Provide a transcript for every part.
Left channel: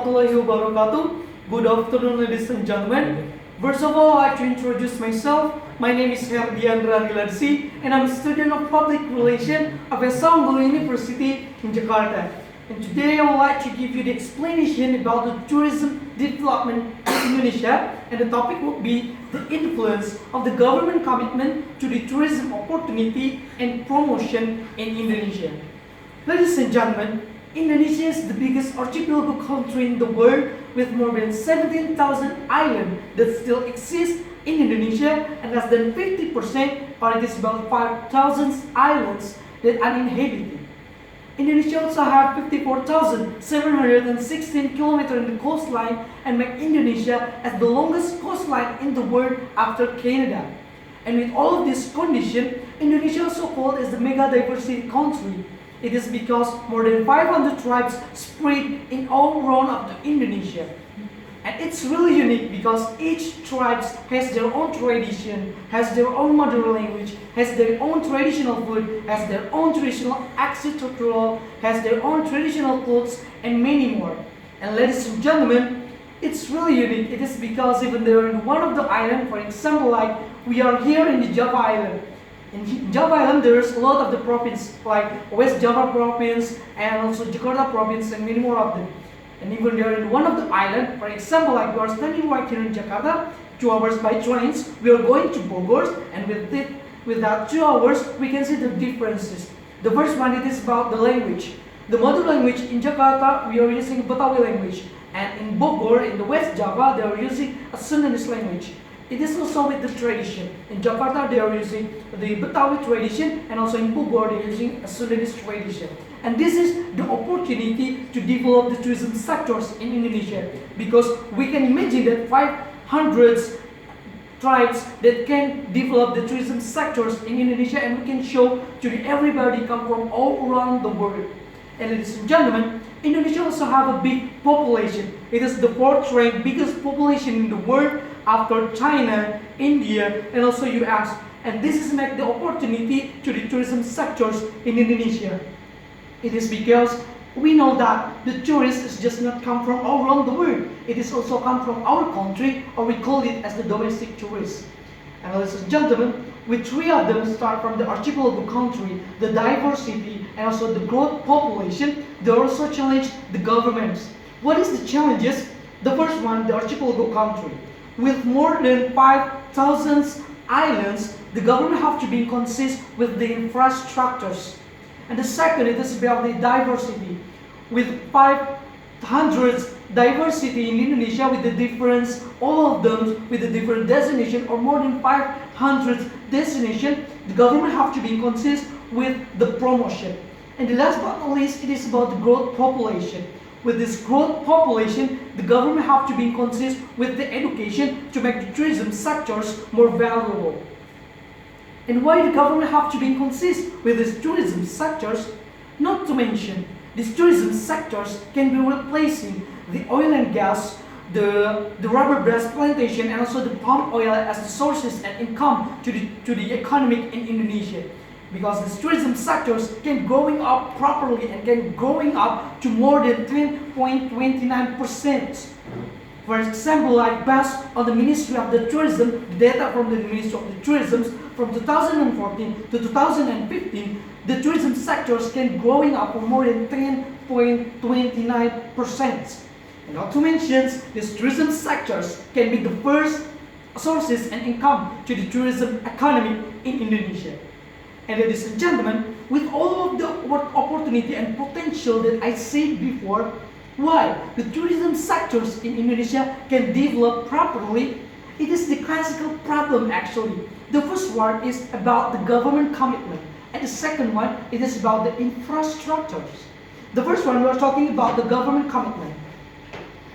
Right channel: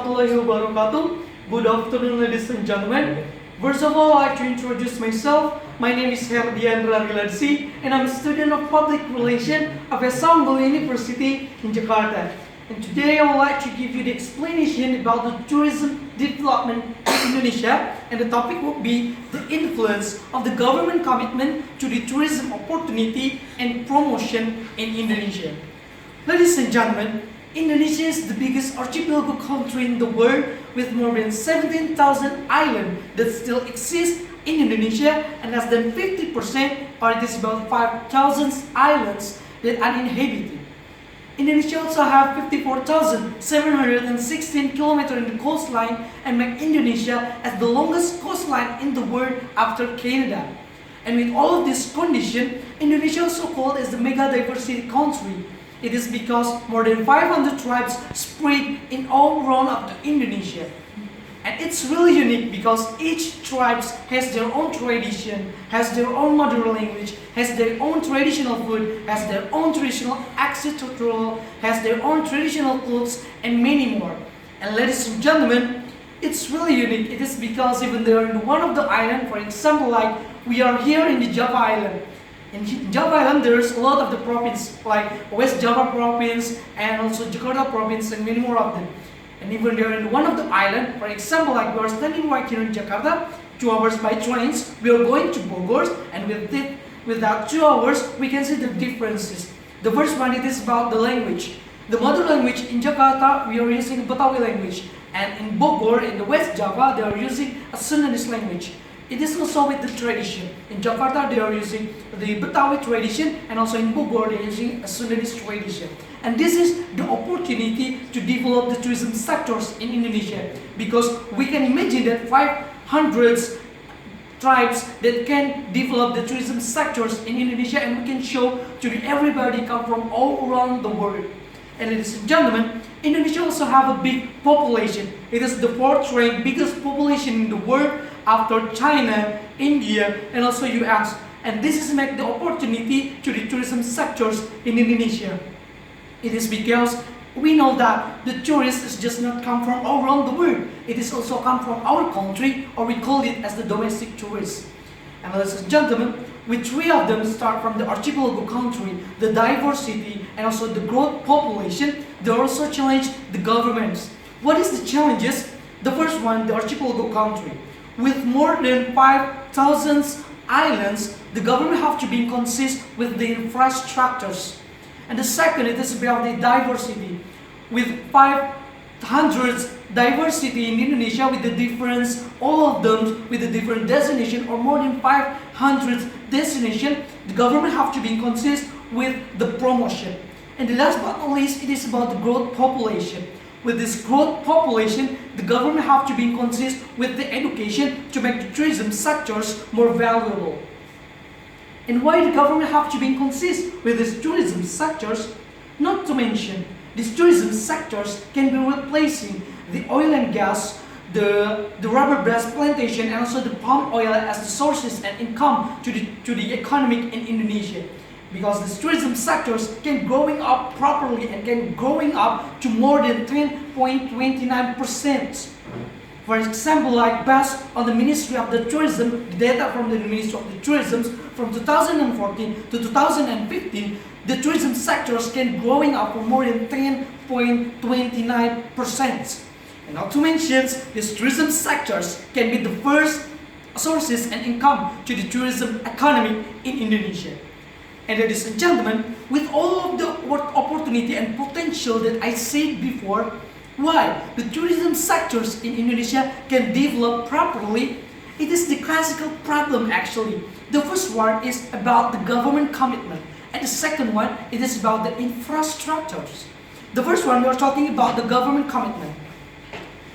warahmatullahi wabarakatuh. Good afternoon, ladies and gentlemen. First of all, I'd like to introduce myself. My name is Herdi Andrariladchi, and I'm a student of Public Relations of Unggul University in Jakarta. And today, I would like to give you the explanation about the tourism development in Indonesia, and the topic will be the influence of the government commitment to the tourism opportunity and promotion in Indonesia. Ladies and gentlemen, Indonesia is the biggest archipelago country in the world with more than 17,000 islands that still exist in Indonesia, and less than 50%, or it is about 5,000 islands that are uninhabited. Indonesia also has 54,716 kilometers in the coastline and make Indonesia as the longest coastline in the world after Canada. And with all of this condition, Indonesia also called as the mega diversity country. It is because more than 500 tribes spread in all around of the Indonesia. And it's really unique because each tribe has their own tradition, has their own mother language, has their own traditional food, has their own traditional architectural, has their own traditional clothes, and many more. And ladies and gentlemen, it's really unique. It is because even they're in one of the island, for example, like we are here in the Java Island. In Java Island, there's a lot of the province, like West Java province and also Jakarta province and many more of them. And even they're in one of the island, for example, like we are standing right here in Jakarta, 2 hours by trains, we are going to Bogor, and with that 2 hours, we can see the differences. The first one, it is about the language. The mother language in Jakarta, we are using Betawi language. And in Bogor, in the West Java, they are using a Sundanese language. It is also with the tradition. In Jakarta, they are using the Betawi tradition, and also in Bogor, they are using a Sundanese tradition. And this is the opportunity to develop the tourism sectors in Indonesia, because we can imagine that 500 tribes that can develop the tourism sectors in Indonesia, and we can show to everybody come from all around the world. And ladies and gentlemen, Indonesia also have a big population. It is the 4th ranked biggest population in the world after China, India, and also US. And this is make the opportunity to the tourism sectors in Indonesia. It is because we know that the tourists is just not come from all around the world. It is also come from our country, or we call it as the domestic tourists. And ladies and gentlemen, with 3 of them start from the archipelago country, the diversity, and also the growth population, they also challenge the governments. What is the challenges? The first one, the archipelago country. With more than 5,000 islands, the government have to be consistent with the infrastructures. And the second, it is about the diversity. With 500 diversity in Indonesia, with the difference, all of them with the different destination, or more than 500 destination, the government have to be consistent with the promotion. And the last but not least, it is about the growth population. With this growth population, the government have to be consistent with the education to make the tourism sectors more valuable. And why the government have to be consistent with these tourism sectors? Not to mention, these tourism sectors can be replacing the oil and gas, the rubber grass plantation, and also the palm oil as the sources and income to the economic in Indonesia. Because these tourism sectors can growing up properly and can growing up to more than 10.29%. For example, like based on the Ministry of the Tourism, the data from the Ministry of the Tourism from 2014 to 2015, the tourism sectors can growing up for more than 10.29%. And not to mention, these tourism sectors can be the first sources and income to the tourism economy in Indonesia. And ladies and gentlemen, with all of the opportunity and potential that I said before, why the tourism sectors in Indonesia can develop properly, it is the classical problem actually. The first one is about the government commitment, and the second one, it is about the infrastructures. The first one, we are talking about the government commitment.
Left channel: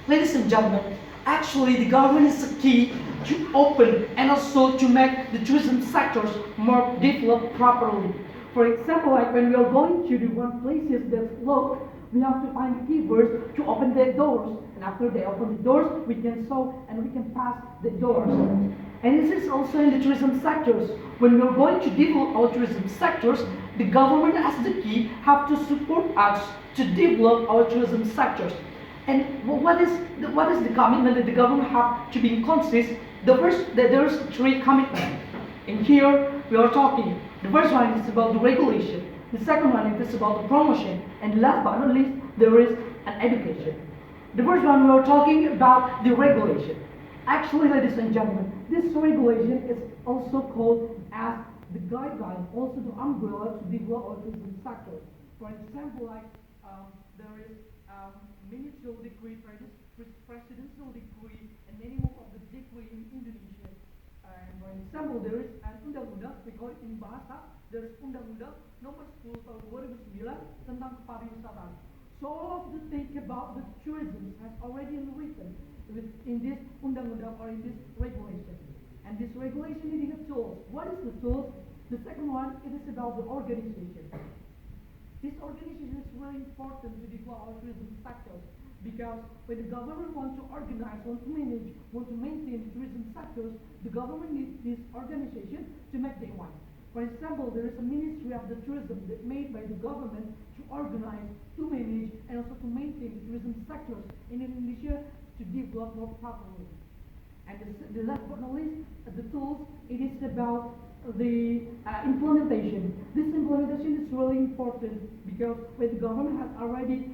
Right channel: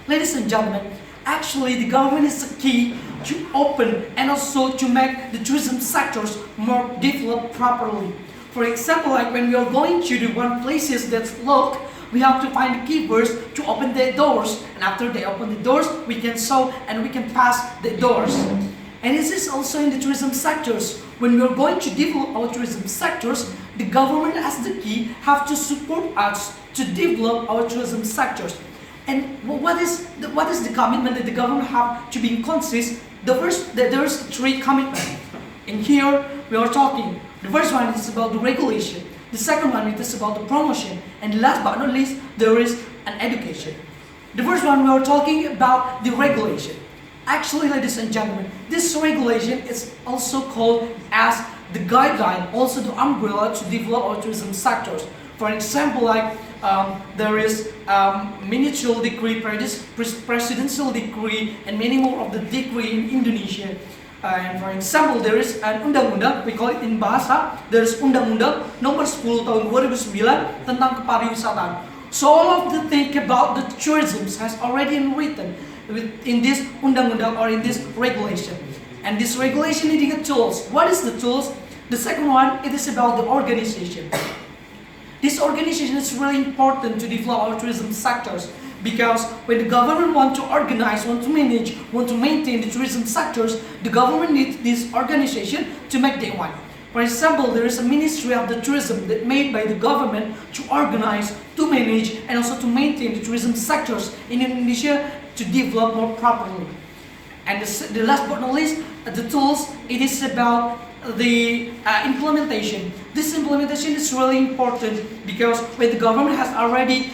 Ladies and gentlemen, actually the government is the key to open and also to make the tourism sectors more developed properly. For example, like when we are going to the one places that's locked, we have to find the keepers to open the doors, and after they open the doors, we can show and we can pass the doors. And this is also in the tourism sectors. When we are going to develop our tourism sectors, the government as the key have to support us to develop our tourism sectors. And what is the commitment that the government have to be consist? There's three commitments. In here we are talking. The first one is about the regulation. The second one it is about the promotion, and last but not least there is an education. The first one we are talking about the regulation. Actually, ladies and gentlemen, this regulation is also called as the guideline, also the umbrella to develop our tourism sectors. For example, like there is ministerial decree, presidential decree, and many more of the decree in Indonesia. And for example, there is an undang-undang, we call it in bahasa, there is undang-undang nomor 10 tahun 2009 tentang kepariwisataan. So all of the thing about the tourism has already been written in this undang-undang or in this regulation. And this regulation needing a tools. What is the tools? The second one, it is about the organization. This organization is really important to develop our tourism sectors, because when the government want to organize, want to manage, want to maintain the tourism sectors, the government needs this organization to make that one. For example, there is a Ministry of the Tourism that made by the government to organize, to manage, and also to maintain the tourism sectors in Indonesia to develop more properly. And the last but not least, the tools, it is about the implementation. This implementation is really important because when the government has already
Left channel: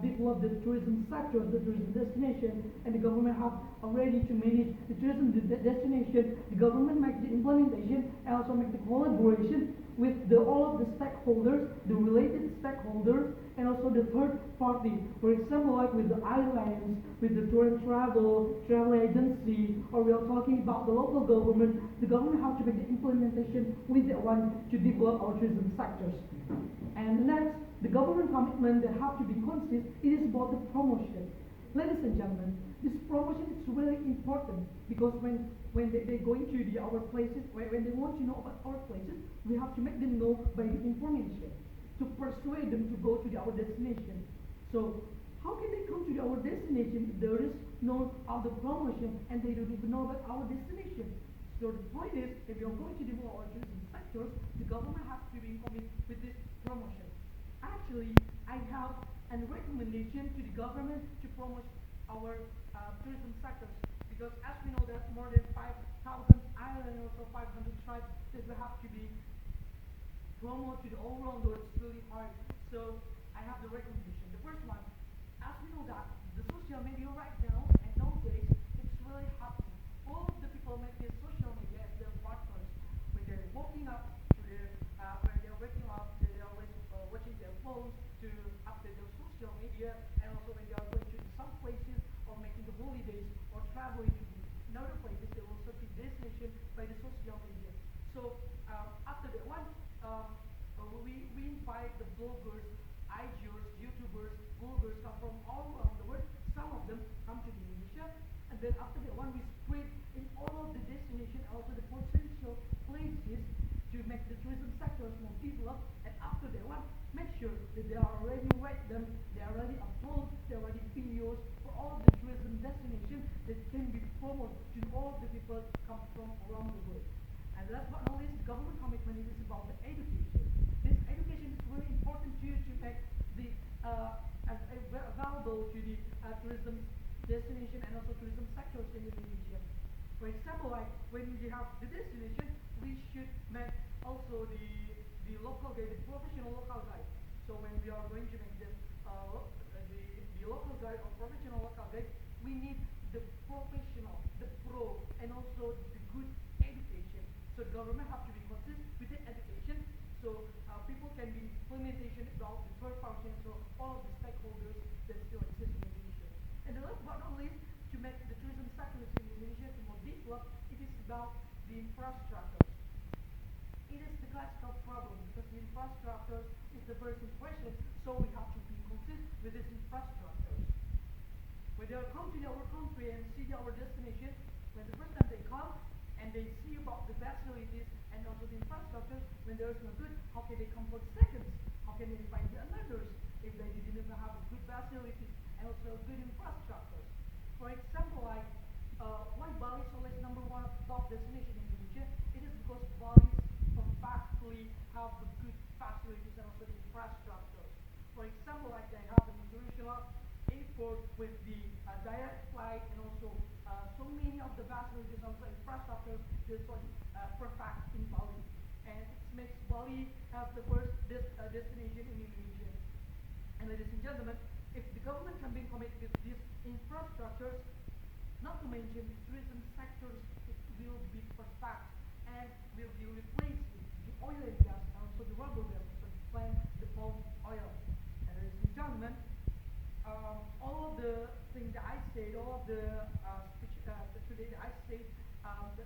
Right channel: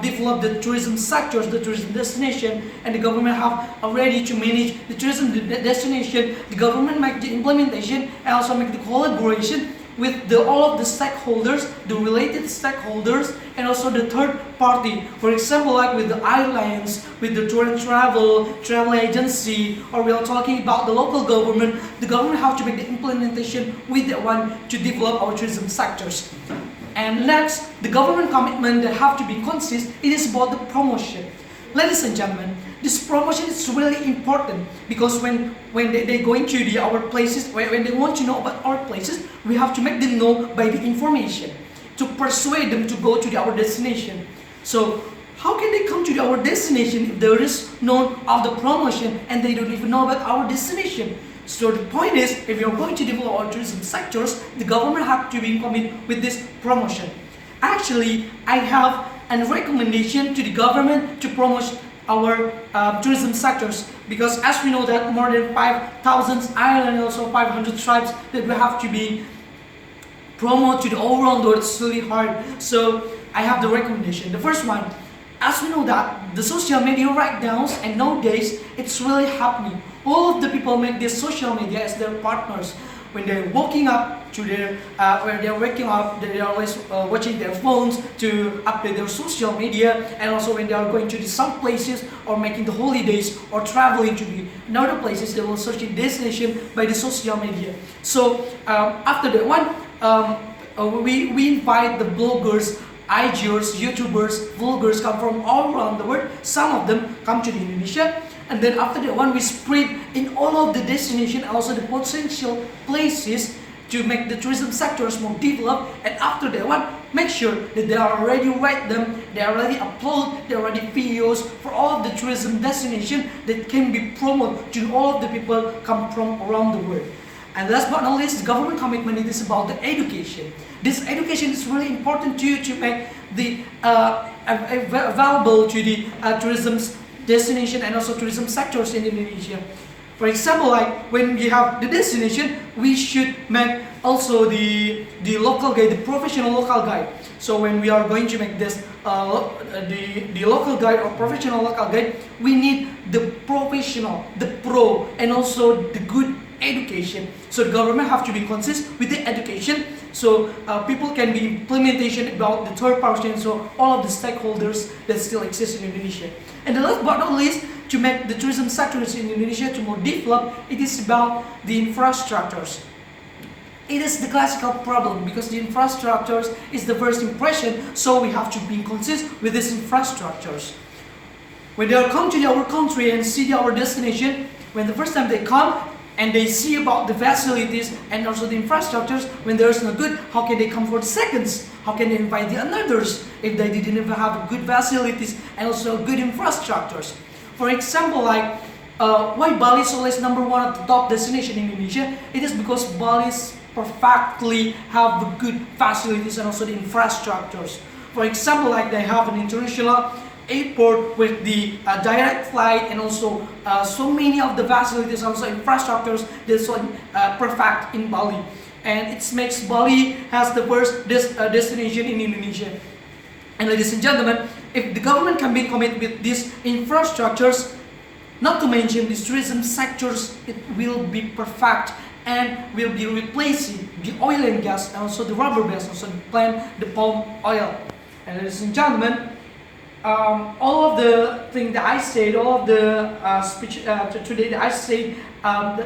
developed the tourism sectors, the tourism destination, and the government have already to manage the tourism destination, the government make the implementation and also make the collaboration with all of the stakeholders, the related stakeholders, and also the third party. For example, like with the airlines, with the tour and travel agency, or we are talking about the local government, the government have to make the implementation with that one to develop our tourism sectors. And next, the government commitment that have to be consist, it is about the promotion. Ladies and gentlemen, this promotion is really important because when they go into our places, when they want to know about our places, we have to make them know by the information to persuade them to go to our destination. So how can they come to our destination if there is no of the promotion and they don't even know about our destination? So the point is, if you're going to develop our tourism sectors, the government have to be committed with this promotion. Actually, I have a recommendation to the government to promote our tourism sectors, because as we know that more than 5,000 islands and also 500 tribes that we have to be promoted to the all around the world. It's really hard. So I have the recommendation. The first one, as we know that the social media right now and nowadays it's really happening. All of the people make this social media as their partners. When they're waking up to their, when they're waking up, they are always watching their phones to update their social media, and also when they are going to some places or making the holidays or traveling to the other places, they will search a destination by the social media. So after that one, we invite the bloggers, IGers, YouTubers, vloggers come from all around the world. Some of them come to Indonesia. And then after that one, we spread in all of the destination, also the potential places to make the tourism sectors more developed. And after that one, make sure that they are already write them, they already upload, they already videos for all of the tourism destination that can be promoted to all of the people come from around the world. And last but not least, the government commitment is about the education. This education is really important to you to make the available to the tourism destination and also tourism sectors in Indonesia. For example, like when we have the destination, we should make also the local guide, the professional local guide. So when we are going to make this the local guide or professional local guide, we need the professional, the pro, and also the good education. So the government have to be consistent with the education, so people can be implementation about the third party, and so all of the stakeholders that still exist in Indonesia. And the last but not least, to make the tourism sectors in Indonesia to more develop, it is about the infrastructures. It is the classical problem because the infrastructures is the first impression, so we have to be consistent with these infrastructures. When they come to our country and see our destination, when the first time they come and they see about the facilities and also the infrastructures, when there is no good, how can they come for the seconds? How can they invite the others if they didn't even have good facilities and also good infrastructures? For example, like why Bali is always number one at the top destination in Indonesia? It is because Bali perfectly have the good facilities and also the infrastructures. For example, like they have an international airport with the direct flight, and also so many of the facilities, also infrastructures that's so perfect in Bali, and it makes Bali has the first destination in Indonesia. And ladies and gentlemen, if the government can be committed with these infrastructures, not to mention these tourism sectors, it will be perfect and will be replacing the oil and gas and also the rubber base, also the plant, the palm oil. And ladies and gentlemen, all of the thing that I said, all of the speech today that I said,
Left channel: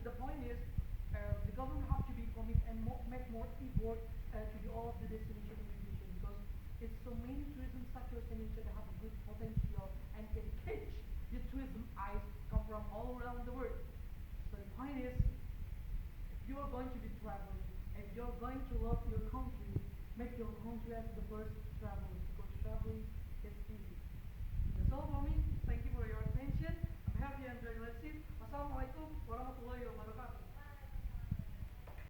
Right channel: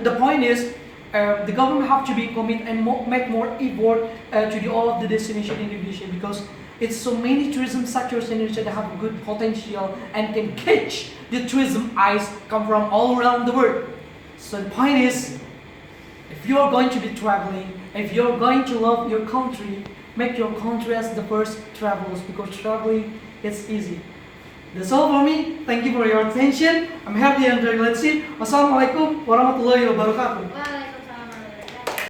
the point is the government have to be committed and make more effort to the all of the destination in Indonesia, because it's so many tourism sectors in Indonesia that have a good potential and can catch the tourism eyes come from all around the world. So the point is, if you are going to be traveling, if you're going to love your country, make your country as the first travelers, because traveling is easy. That's all for me. Thank you for your attention. I'm Herdi Andrariladchi. Wassalamualaikum warahmatullahi wabarakatuh.